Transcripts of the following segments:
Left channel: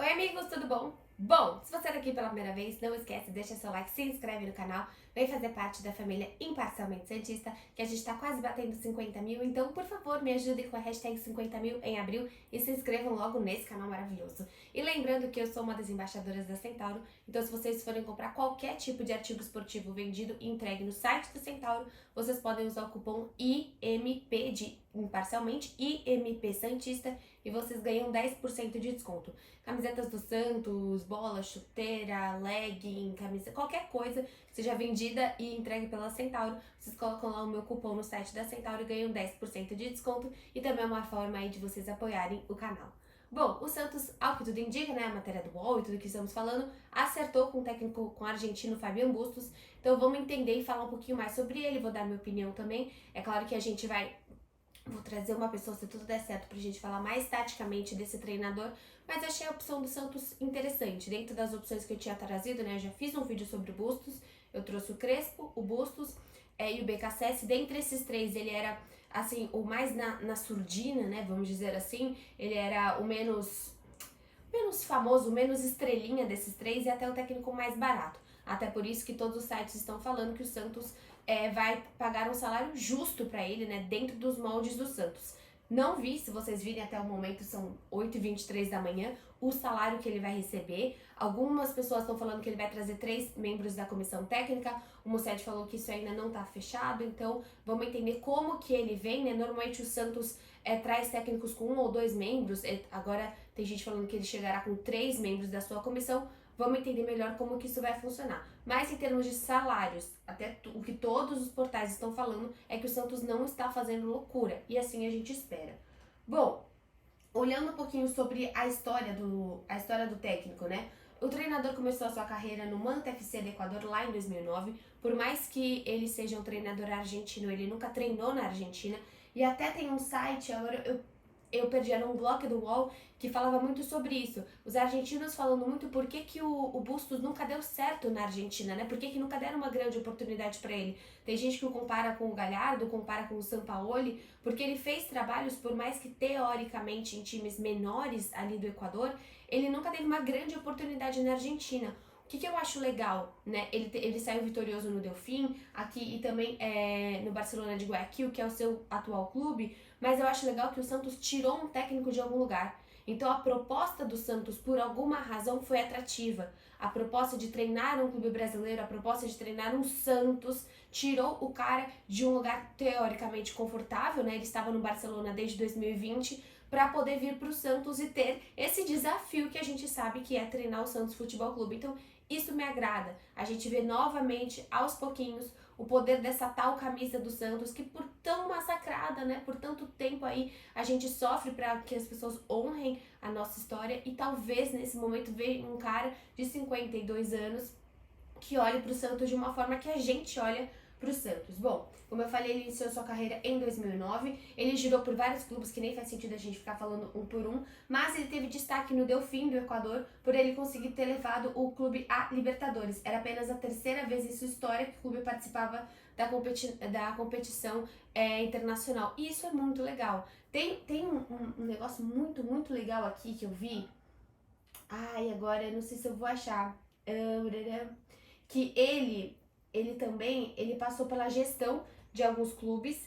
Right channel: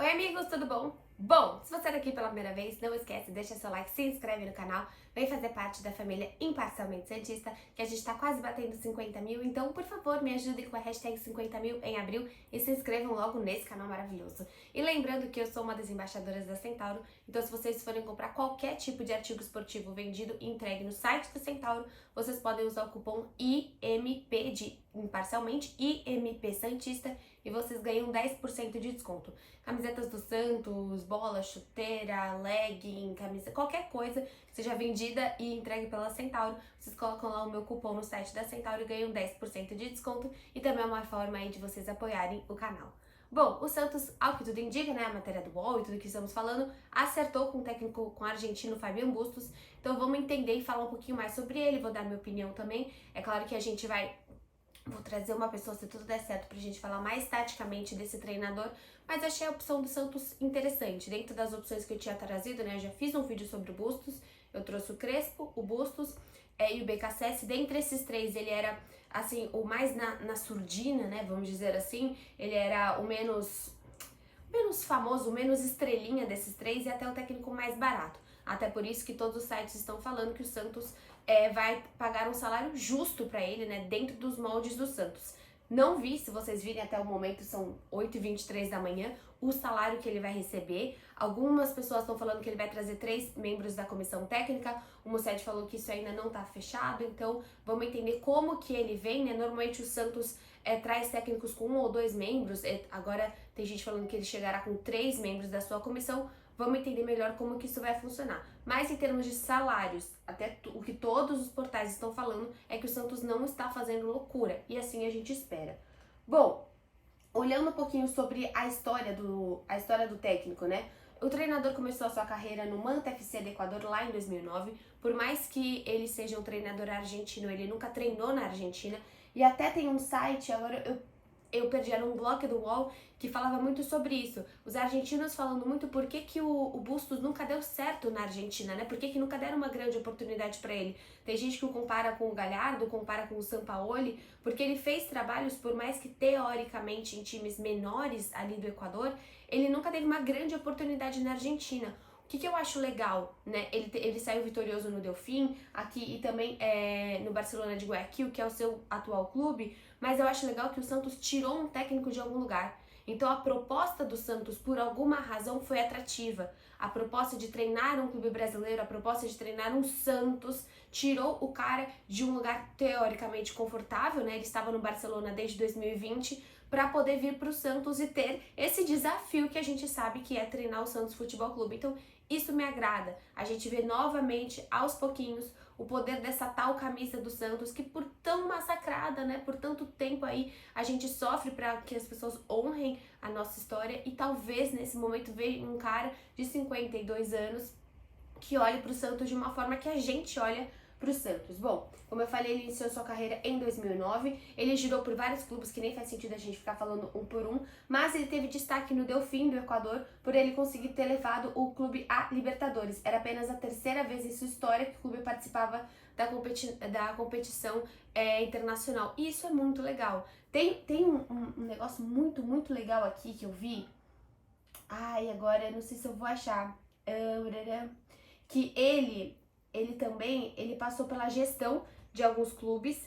Oi amigos, tudo bom? Bom, se você é aqui pela primeira vez, não esquece, deixa seu like, se inscreve no canal, vem fazer parte da família Imparcialmente Santista, que a gente tá quase batendo 50 mil, então por favor me ajudem com a hashtag 50 mil em abril e se inscrevam logo nesse canal maravilhoso. E lembrando que eu sou uma das embaixadoras da Centauro, então se vocês forem comprar qualquer tipo de artigo esportivo vendido e entregue no site da Centauro, vocês podem usar o cupom IMP de Imparcialmente, IMP Santista, e vocês ganham 10% de desconto. Camisetas do Santos, bola, chuteira, legging, camisa, qualquer coisa que seja vendida e entregue pela Centauro, vocês colocam lá o meu cupom no site da Centauro e ganham 10% de desconto, e também é uma forma aí de vocês apoiarem o canal. Bom, o Santos, ao que tudo indica, né, a matéria do UOL e tudo que estamos falando, acertou com o técnico, com o argentino Fabian Bustos, então vamos entender e falar um pouquinho mais sobre ele, vou dar minha opinião também. É claro que a gente vou trazer uma pessoa, se tudo der certo, pra gente falar mais taticamente desse treinador, mas achei a opção do Santos interessante. Dentro das opções que eu tinha trazido, né, eu já fiz um vídeo sobre o Bustos, eu trouxe o Crespo, o Bustos e o BKSS. Dentre esses três, ele era, assim, o mais na surdina, né, vamos dizer assim, ele era o menos famoso, o menos estrelinha desses três e até o técnico mais barato. Até por isso que todos os sites estão falando que o Santos vai pagar um salário justo para ele, né, dentro dos moldes do Santos. Não vi, se vocês virem até o momento, são 8h23 da manhã, o salário que ele vai receber. Algumas pessoas estão falando que ele vai trazer 3 membros da comissão técnica, o Musset falou que isso ainda não está fechado, então vamos entender como que ele vem, né? Normalmente o Santos traz técnicos com 1 ou 2 membros, agora tem gente falando que ele chegará com 3 membros da sua comissão. Vamos entender melhor como que isso vai funcionar. Mas em termos de salários, até o que todos os portais estão falando é que o Santos não está fazendo loucura. E assim a gente espera. Bom, olhando um pouquinho sobre a história do técnico, né? O treinador começou a sua carreira no Manta FC do Equador lá em 2009. Por mais que ele seja um treinador argentino, ele nunca treinou na Argentina. E até tem um site, agora eu perdi, era um blog do UOL que falava muito sobre isso. Os argentinos falando muito por que o Bustos nunca deu certo na Argentina, né? Por que nunca deram uma grande oportunidade para ele. Tem gente que o compara com o Galhardo, compara com o Sampaoli, porque ele fez trabalhos, por mais que teoricamente em times menores ali do Equador, ele nunca teve uma grande oportunidade na Argentina. O que eu acho legal, né? Ele saiu vitorioso no Delfim, aqui e também no Barcelona de Guayaquil, que é o seu atual clube, mas eu acho legal que o Santos tirou um técnico de algum lugar. Então a proposta do Santos, por alguma razão, foi atrativa. A proposta de treinar um clube brasileiro, a proposta de treinar um Santos, tirou o cara de um lugar teoricamente confortável, né? Ele estava no Barcelona desde 2020, para poder vir para o Santos e ter esse desafio que a gente sabe que é treinar o Santos Futebol Clube. Então isso me agrada. A gente vê novamente, aos pouquinhos, o poder dessa tal camisa do Santos, que por tão massacrada, né, por tanto tempo aí, a gente sofre para que as pessoas honrem a nossa história, e talvez nesse momento veja um cara de 52 anos que olhe para o Santos de uma forma que a gente olha para o Santos. Bom, como eu falei, ele iniciou sua carreira em 2009, ele girou por vários clubes, que nem faz sentido a gente ficar falando um por um, mas ele teve destaque no Delfim do Equador por ele conseguir ter levado o clube à Libertadores. Era apenas a 3ª vez em sua história que o clube participava da competição internacional, e isso é muito legal. Tem um negócio muito legal aqui que eu vi, agora não sei se eu vou achar, que ele também passou pela gestão de alguns clubes,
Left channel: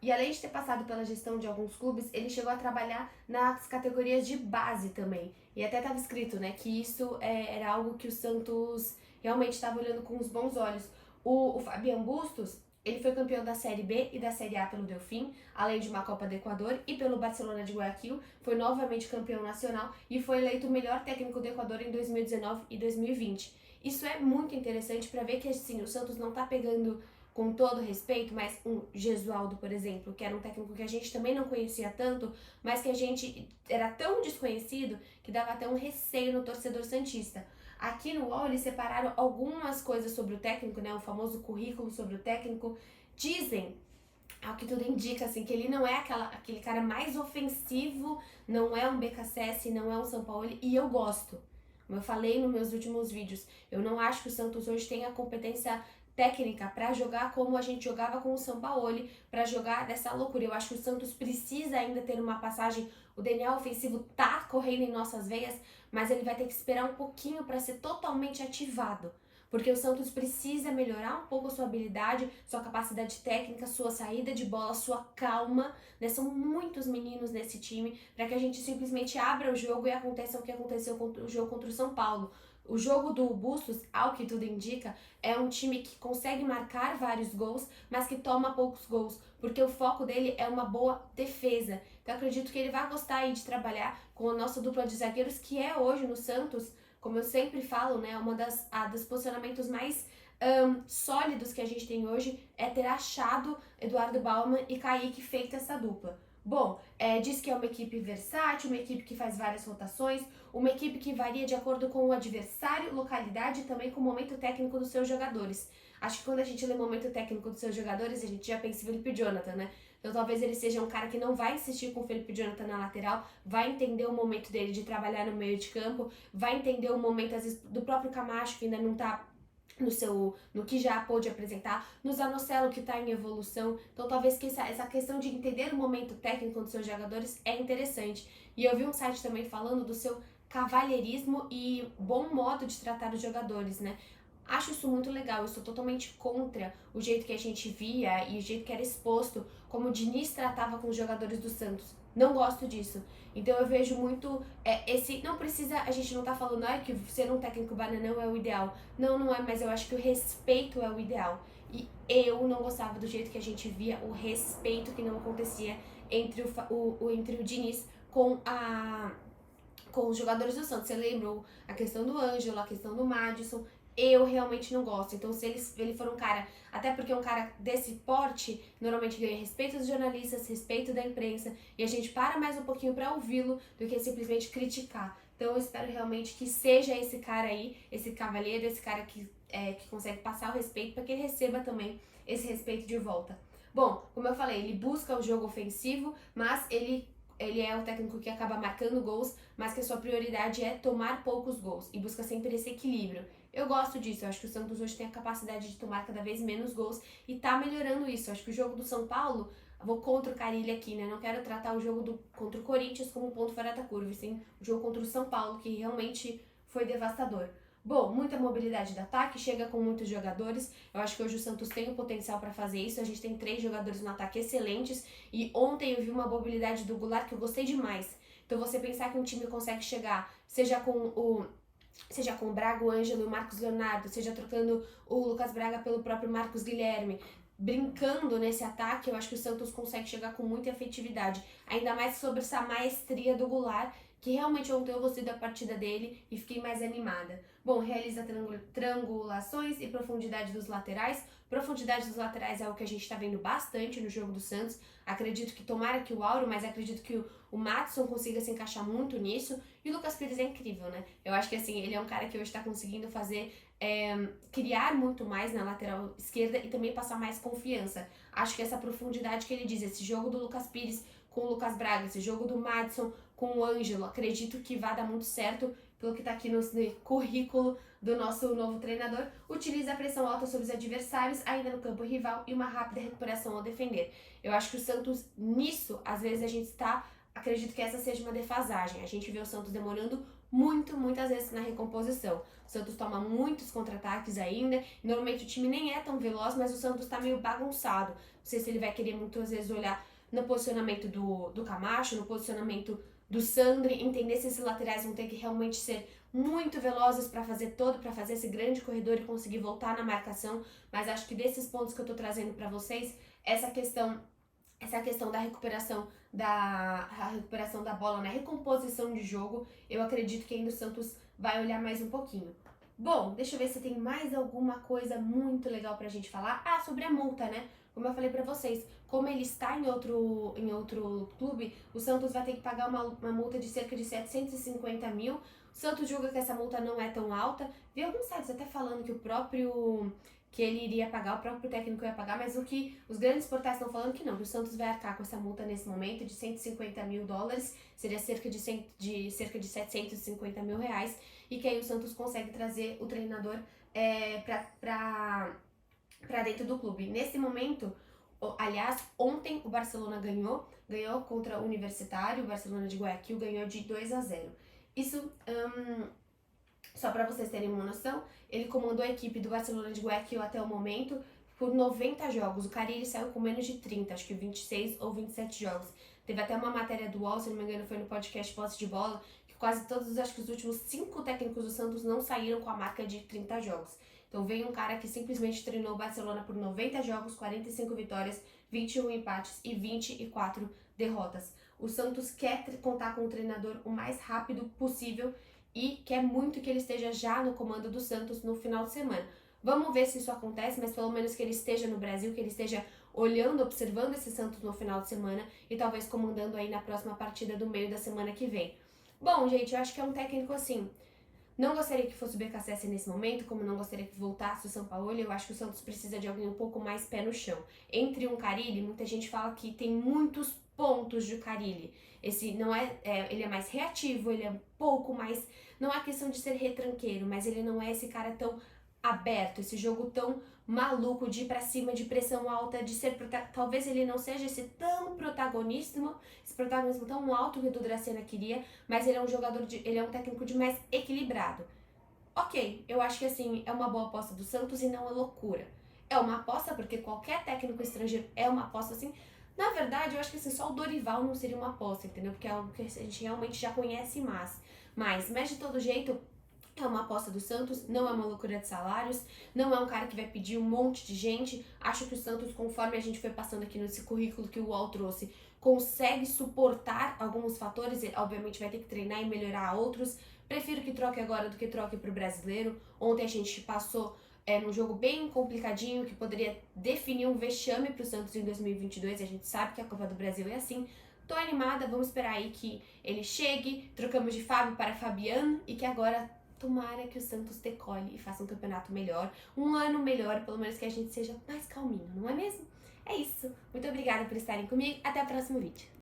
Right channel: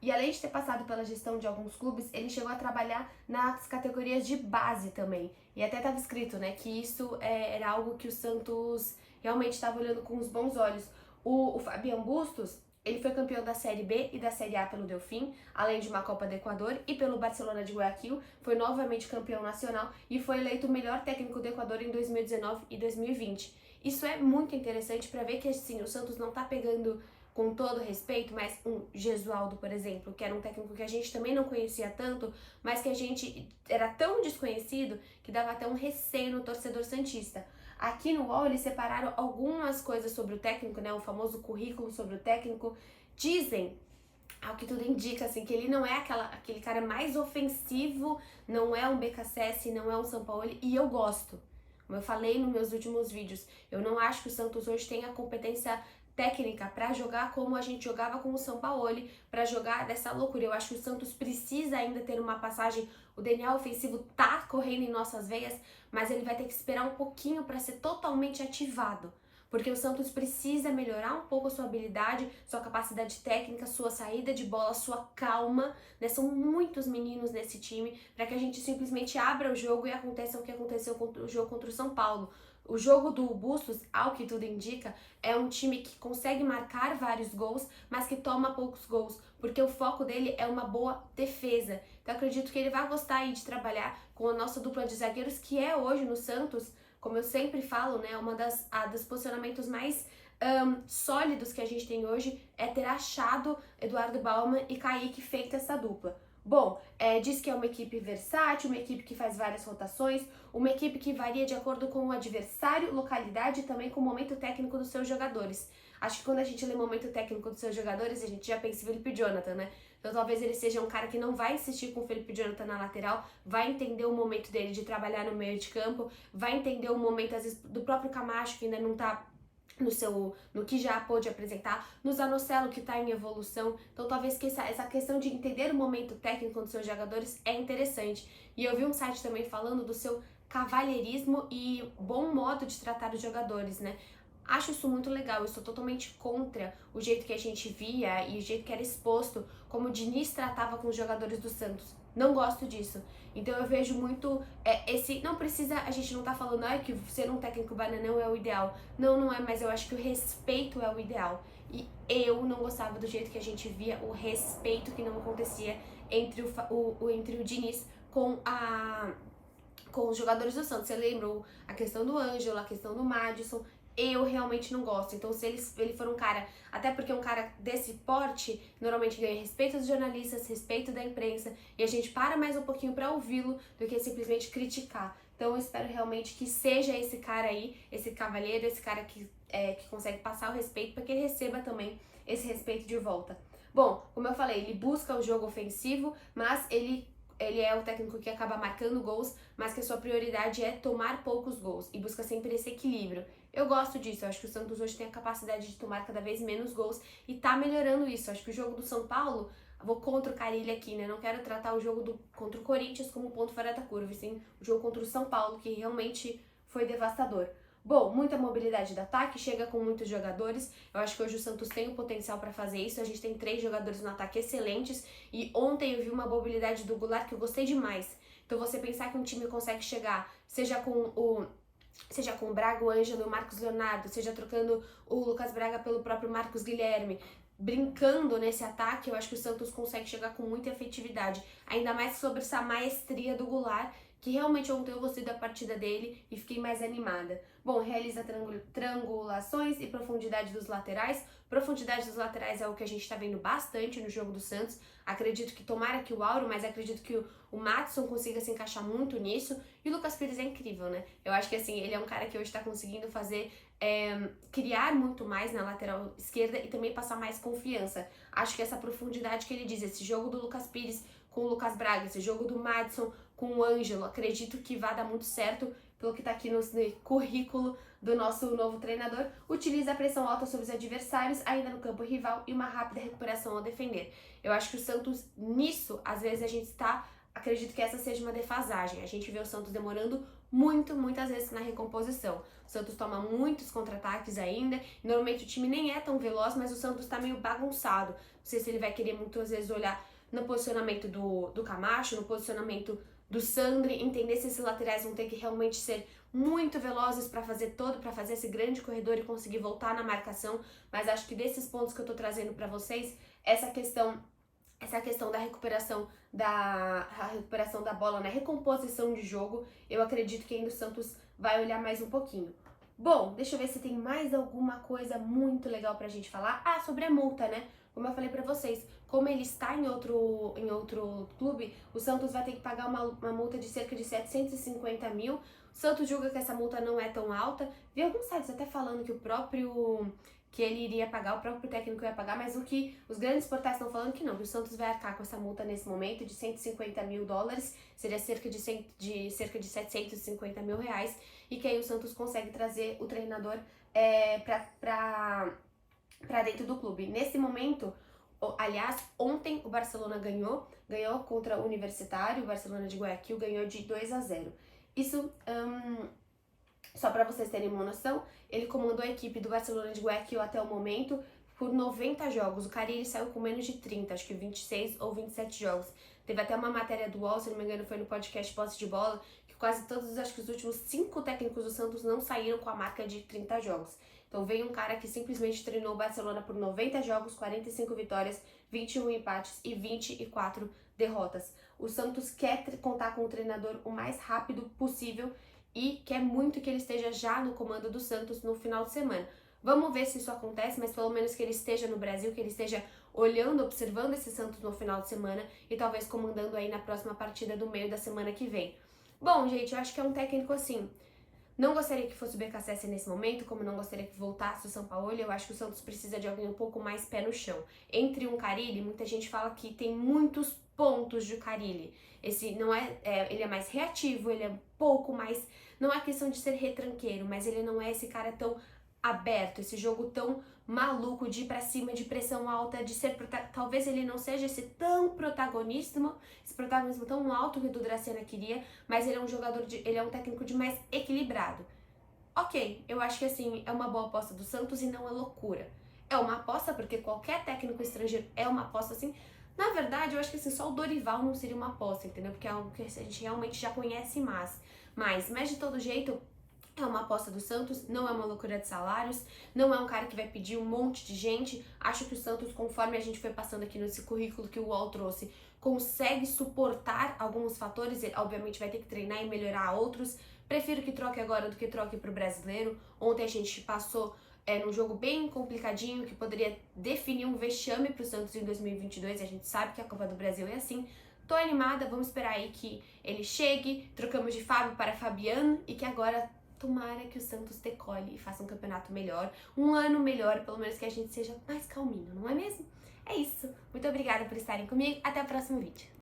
e além de ter passado pela gestão de alguns clubes, ele chegou a trabalhar nas categorias de base também. E até estava escrito, né, que isso era algo que o Santos realmente estava olhando com os bons olhos. O Fabian Bustos, ele foi campeão da Série B e da Série A pelo Delfim, além de uma Copa do Equador, e pelo Barcelona de Guayaquil, foi novamente campeão nacional e foi eleito o melhor técnico do Equador em 2019 e 2020. Isso é muito interessante para ver que, assim, o Santos não tá pegando, com todo respeito, mas um Gesualdo, por exemplo, que era um técnico que a gente também não conhecia tanto, mas que a gente era tão desconhecido que dava até um receio no torcedor santista. Aqui no UOL eles separaram algumas coisas sobre o técnico, né, o famoso currículo sobre o técnico. Dizem, ao que tudo indica, assim, que ele não é aquele cara mais ofensivo, não é um BKSS, não é um Sampaoli, e eu gosto. Como eu falei nos meus últimos vídeos, eu não acho que o Santos hoje tem a competência técnica para jogar como a gente jogava com o Sampaoli, para jogar dessa loucura. Eu acho que o Santos precisa ainda ter uma passagem o DNA ofensivo tá correndo em nossas veias, mas ele vai ter que esperar um pouquinho para ser totalmente ativado. Porque o Santos precisa melhorar um pouco a sua habilidade, sua capacidade técnica, sua saída de bola, sua calma, né? São muitos meninos nesse time para que a gente simplesmente abra o jogo e aconteça o que aconteceu contra o jogo contra o São Paulo. O jogo do Bustos, ao que tudo indica, é um time que consegue marcar vários gols, mas que toma poucos gols, porque o foco dele é uma boa defesa. Então acredito que ele vai gostar aí de trabalhar com a nossa dupla de zagueiros, que é hoje no Santos, como eu sempre falo, né, uma dos posicionamentos mais sólidos que a gente tem hoje é ter achado Eduardo Bauman e Kaique feito essa dupla. Bom, diz que é uma equipe versátil, uma equipe que faz várias rotações, uma equipe que varia de acordo com o adversário, localidade e também com o momento técnico dos seus jogadores. Acho que quando a gente lê momento técnico dos seus jogadores, a gente já pensa em Felipe Jonathan, né? Então talvez ele seja um cara que não vai insistir com o Felipe Jonathan na lateral, vai entender o momento dele de trabalhar no meio de campo, vai entender o momento, às vezes, do próprio Camacho, que ainda não tá no que já pôde apresentar, no Zanocelo, que está em evolução. Então talvez que essa questão de entender o momento técnico dos seus jogadores é interessante. E eu vi um site também falando do seu cavalheirismo e bom modo de tratar os jogadores, né? Acho isso muito legal, eu sou totalmente contra o jeito que a gente via e o jeito que era exposto como o Diniz tratava com os jogadores do Santos. Não gosto disso. Então eu vejo muito esse. Não precisa. A gente não tá falando que ser um técnico bananão é o ideal. Não, não é, mas eu acho que o respeito é o ideal. E eu não gostava do jeito que a gente via o respeito que não acontecia entre o Diniz com os jogadores do Santos. Você lembra a questão do Ângelo, a questão do Madison? Eu realmente não gosto. Então, se ele for um cara, até porque um cara desse porte normalmente ganha respeito dos jornalistas, respeito da imprensa, e a gente para mais um pouquinho para ouvi-lo do que simplesmente criticar. Então, eu espero realmente que seja esse cara aí, esse cavalheiro, esse cara que consegue passar o respeito, para que ele receba também esse respeito de volta. Bom, como eu falei, ele busca o jogo ofensivo, mas ele é o técnico que acaba marcando gols, mas que a sua prioridade é tomar poucos gols e busca sempre esse equilíbrio. Eu gosto disso, eu acho que o Santos hoje tem a capacidade de tomar cada vez menos gols e tá melhorando isso. Eu acho que o jogo do São Paulo, vou contra o Carille aqui, né? Não quero tratar o jogo contra o Corinthians como um ponto fora da curva, e sim o jogo contra o São Paulo, que realmente foi devastador. Bom, muita mobilidade de ataque, chega com muitos jogadores. Eu acho que hoje o Santos tem o potencial para fazer isso. A gente tem 3 jogadores no ataque excelentes. E ontem eu vi uma mobilidade do Goulart que eu gostei demais. Então você pensar que um time consegue chegar, seja com o Braga, o Ângelo e o Marcos Leonardo, seja trocando o Lucas Braga pelo próprio Marcos Guilherme, brincando nesse ataque, eu acho que o Santos consegue chegar com muita efetividade. Ainda mais sobre essa maestria do Goulart, que realmente ontem eu gostei da partida dele e fiquei mais animada. Bom, realiza triangulações e profundidade dos laterais. Profundidade dos laterais é o que a gente está vendo bastante no jogo do Santos. Acredito que tomara que o Auro, mas acredito que o Madison consiga se encaixar muito nisso. E o Lucas Pires é incrível, né? Eu acho que assim, ele é um cara que hoje está conseguindo fazer, criar muito mais na lateral esquerda e também passar mais confiança. Acho que essa profundidade que ele diz, esse jogo do Lucas Pires com o Lucas Braga, esse jogo do Madison com o Ângelo, acredito que vai dar muito certo pelo que está aqui no currículo do nosso novo treinador. Utiliza a pressão alta sobre os adversários, ainda no campo rival, e uma rápida recuperação ao defender. Eu acho que o Santos, nisso, às vezes a gente está... Acredito que essa seja uma defasagem. A gente vê o Santos demorando muitas vezes na recomposição. O Santos toma muitos contra-ataques ainda. Normalmente o time nem é tão veloz, mas o Santos tá meio bagunçado. Não sei se ele vai querer muitas vezes olhar no posicionamento do Camacho, no posicionamento do Sandri, entender se esses laterais vão ter que realmente ser muito velozes para fazer esse grande corredor e conseguir voltar na marcação. Mas acho que desses pontos que eu tô trazendo para vocês, essa questão da recuperação da bola, né? Recomposição de jogo, eu acredito que ainda o Santos vai olhar mais um pouquinho. Bom, deixa eu ver se tem mais alguma coisa muito legal pra gente falar. Ah, sobre a multa, né? Como eu falei pra vocês, como ele está em outro clube, o Santos vai ter que pagar uma multa de cerca de 750 mil. O Santos julga que essa multa não é tão alta. Vi alguns sites até falando que ele iria pagar, o próprio técnico ia pagar, mas o que os grandes portais estão falando que não, que o Santos vai arcar com essa multa nesse momento de 150 mil dólares, seria cerca de 750 mil reais, e que aí o Santos consegue trazer o treinador para dentro do clube. Nesse momento, aliás, ontem o Barcelona ganhou, ganhou contra o Universitário, o Barcelona de Guayaquil ganhou de 2-0. Isso, só para vocês terem uma noção, ele comandou a equipe do Barcelona de Guayaquil até o momento por 90 jogos. O Carille saiu com menos de 30, acho que 26 ou 27 jogos. Teve até uma matéria do UOL, se não me engano, foi no podcast Posse de Bola, que quase todos, acho que os últimos 5 técnicos do Santos não saíram com a marca de 30 jogos. Então veio um cara que simplesmente treinou o Barcelona por 90 jogos, 45 vitórias, 21 empates e 24 derrotas. O Santos quer contar com o treinador o mais rápido possível e quer muito que ele esteja já no comando do Santos no final de semana. Vamos ver se isso acontece, mas pelo menos que ele esteja no Brasil, que ele esteja olhando, observando esse Santos no final de semana e talvez comandando aí na próxima partida do meio da semana que vem. Bom, gente, eu acho que é um técnico assim. Não gostaria que fosse o BKSS nesse momento, como não gostaria que voltasse o São Paulo. Eu acho que o Santos precisa de alguém um pouco mais pé no chão. Entre um Carille, muita gente fala que tem muitos pontos de Carille. Esse não ele é mais reativo, ele é um pouco mais, não é questão de ser retranqueiro, mas ele não é esse cara tão aberto, esse jogo tão maluco de ir pra cima, de pressão alta, de ser talvez ele não seja esse protagonismo tão alto que o Dracena queria, mas ele é um ele é um técnico de mais equilibrado. Ok, eu acho que assim, é uma boa aposta do Santos e não é loucura. É uma aposta porque qualquer técnico estrangeiro é uma aposta assim. Na verdade, eu acho que assim, só o Dorival não seria uma aposta, entendeu? Porque é algo que a gente realmente já conhece mais. Mas de todo jeito, é uma aposta do Santos, não é uma loucura de salários, não é um cara que vai pedir um monte de gente. Acho que o Santos, conforme a gente foi passando aqui nesse currículo que o UOL trouxe, consegue suportar alguns fatores, ele obviamente vai ter que treinar e melhorar outros. Prefiro que troque agora do que troque pro brasileiro. Ontem a gente passou num jogo bem complicadinho, que poderia definir um vexame pro Santos em 2022, a gente sabe que a Copa do Brasil é assim. Tô animada, vamos esperar aí que ele chegue, trocamos de Fábio para Fabiano e que agora tomara que o Santos decole e faça um campeonato melhor, um ano melhor, pelo menos que a gente seja mais calminho, não é mesmo? É isso. Muito obrigada por estarem comigo. Até o próximo vídeo.